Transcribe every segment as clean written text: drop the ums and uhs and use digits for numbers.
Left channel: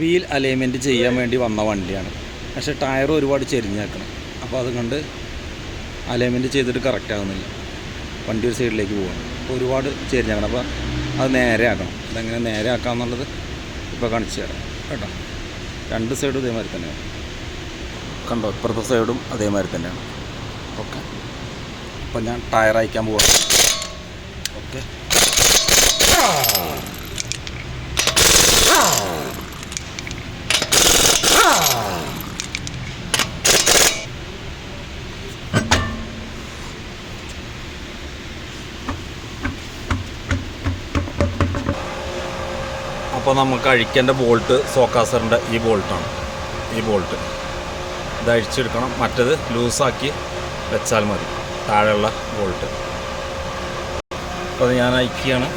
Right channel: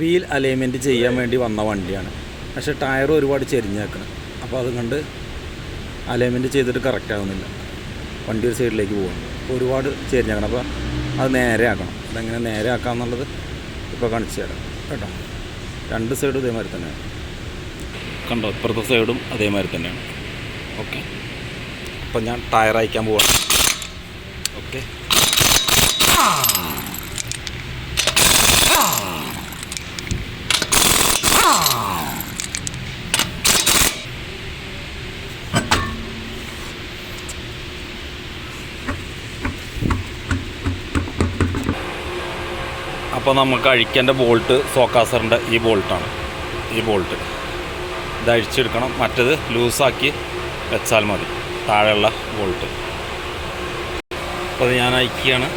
Wheel alignment ചെയ്യാൻ വേണ്ടി വന്ന വണ്ടിയാണ്. പക്ഷേ ടയർ ഒരുപാട് ചെരിഞ്ഞേക്കണം. അപ്പോൾ അതുകൊണ്ട് അലൈൻമെൻറ്റ് ചെയ്തിട്ട് കറക്റ്റ് ആകുന്നില്ല. വണ്ടി ഒരു സൈഡിലേക്ക് പോകണം. അപ്പോൾ ഒരുപാട് ചെരിഞ്ഞേക്കണം. അപ്പോൾ അത് നേരെ ആക്കണം. അതെങ്ങനെ നേരെ ആക്കാമെന്നുള്ളത് ഇപ്പോൾ കാണിച്ചു തരാം കേട്ടോ. രണ്ട് സൈഡും ഇതേമാതിരി തന്നെയാണ്. കണ്ടോ, ഇപ്പുറത്തെ സൈഡും അതേമാതിരി തന്നെയാണ്. ഓക്കെ, അപ്പോൾ ഞാൻ ടയർ അയക്കാൻ പോവാണ്. ഓക്കെ, അപ്പോൾ നമുക്ക് അഴിക്കേണ്ട ബോൾട്ട് സോക്കാസറിൻ്റെ ഈ ബോൾട്ടാണ്. ഈ ബോൾട്ട് ഇത് അഴിച്ചെടുക്കണം. മറ്റേത് ലൂസാക്കി വെച്ചാൽ മതി, താഴെയുള്ള ബോൾട്ട്. അപ്പോൾ അത് ഞാൻ അയക്കുകയാണ്.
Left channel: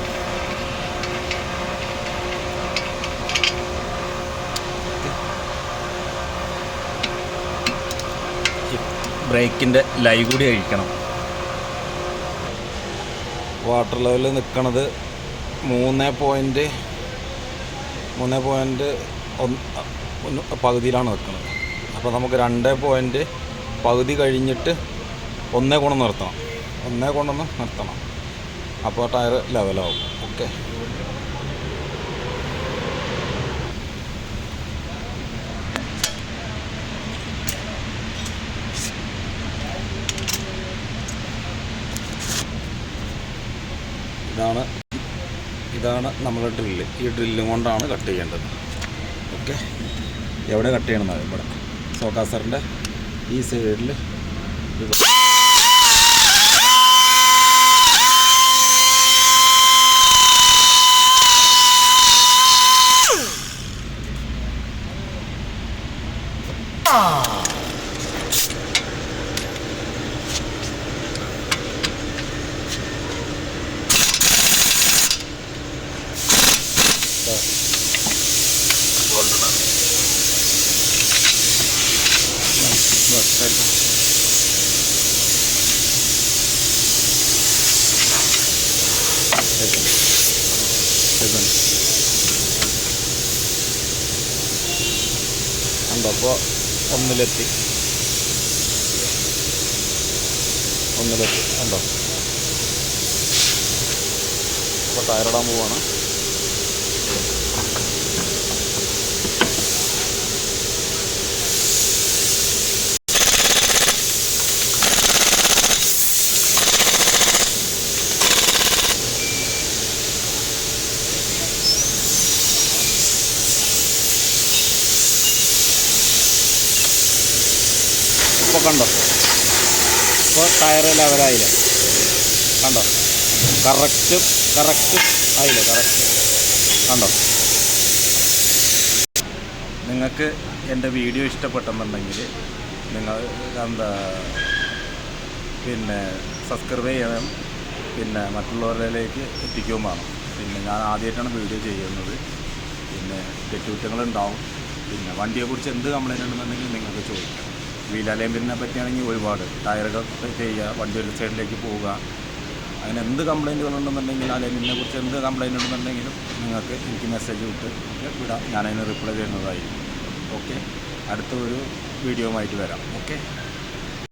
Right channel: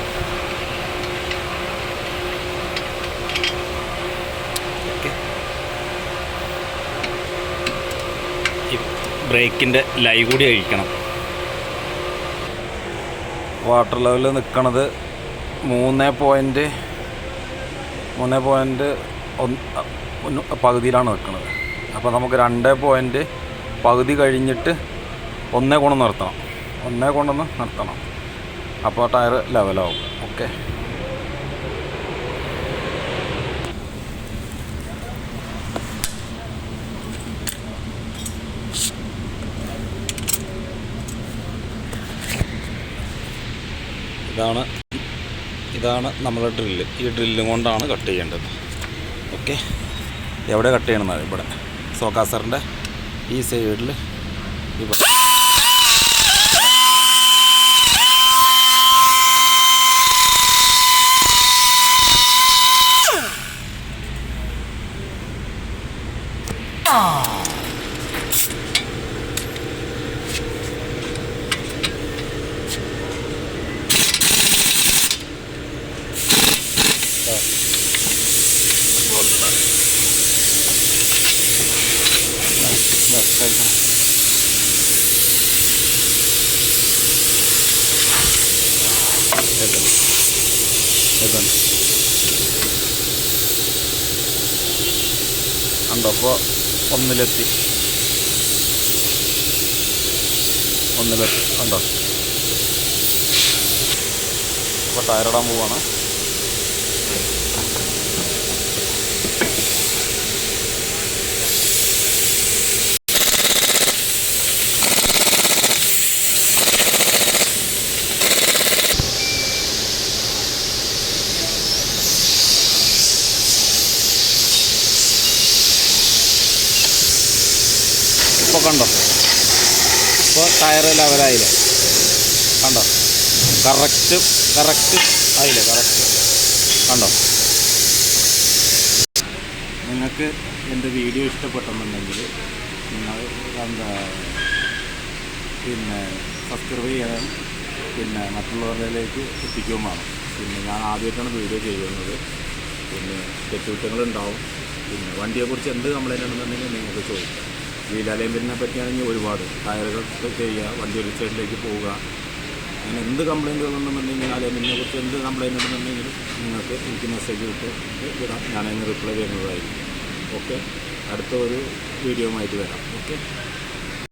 ഈ ബ്രേക്കിൻ്റെ ലൈ കൂടി അഴിക്കണം. വാട്ടർ ലെവൽ നിൽക്കണത് 3.1 പകുതിയിലാണ് നിൽക്കുന്നത്. അപ്പോൾ നമുക്ക് 2 പകുതി കഴിഞ്ഞിട്ട് 1 കൊണ്ടൊന്ന് നിർത്തണം. അപ്പോൾ ടയർ ലെവലാവും. ഓക്കെ, ഇതാണ് നമ്മുടെ ഡ്രില്ല്. ഈ ഡ്രില്ലും കൊണ്ടാണ് കട്ട് ചെയ്യേണ്ടത്. ഓക്കെ, എവിടെ കട്ട് ചെയ്യണമെന്നത് ഇവിടെ സോക്കാസറിൻ്റെ ഈ സൈഡിൽ ഇവിടെ. ഉണ്ടോ, അപ്പോൾ ഒന്നിലെത്തി ഉണ്ടോ. അപ്പോൾ ടയറിടാൻ പോവാണ്. ഇപ്പോൾ കണ്ടോ, ഇപ്പോൾ ടയർ ലെവലായില്ലേ, കണ്ടോ, കറക്റ്റ് ആയില്ലേ, കറക്റ്റ് കണ്ടോ. നിങ്ങൾക്ക് എൻ്റെ വീഡിയോ ഇഷ്ടപ്പെട്ടെന്നുണ്ടെങ്കിൽ നിങ്ങൾ സബ്സ്ക്രൈബ് ചെയ്യണം, മറ്റുള്ളവരിലേക്ക് എത്തിക്കുകയും വേണം. ഞാൻ ആദ്യമായിട്ടാണ് വീഡിയോ ചെയ്യുന്നത്. തെറ്റുകുറ്റങ്ങളുണ്ടാവും. വണ്ടിയെക്കുറിച്ച് എന്ത് കംപ്ലൈൻറ്റ് ഉണ്ടെന്നുണ്ടെങ്കിൽ നിങ്ങൾക്ക് ചോദിക്കും. വീൽ അലൈൻമെൻറ്റിനെ പറ്റിയാണെങ്കിൽ ഒരുപാട് ടയറുകൾ ചെയ്യുക, വണ്ടി ഒരു സൈഡിലേക്ക് പോവുക, അങ്ങനെ എന്ത് കംപ്ലൈൻറ്റുകളുണ്ടെന്നുണ്ടെങ്കിൽ അലൈൻമെൻറ്റിനെ കുറിച്ച് എന്ത് കംപ്ലൈൻറ്റ് ഉണ്ടെന്നുണ്ടെങ്കിൽ നിങ്ങൾക്ക് എനിക്ക് മെസ്സേജ് വിട്ട് വിടാം. ഞാനതിന് റിപ്ലൈ തരുന്നതായിരിക്കും. ഓക്കെ, അടുത്ത ഒരു വീഡിയോ ആയിട്ട് വരാം. ഓക്കെ.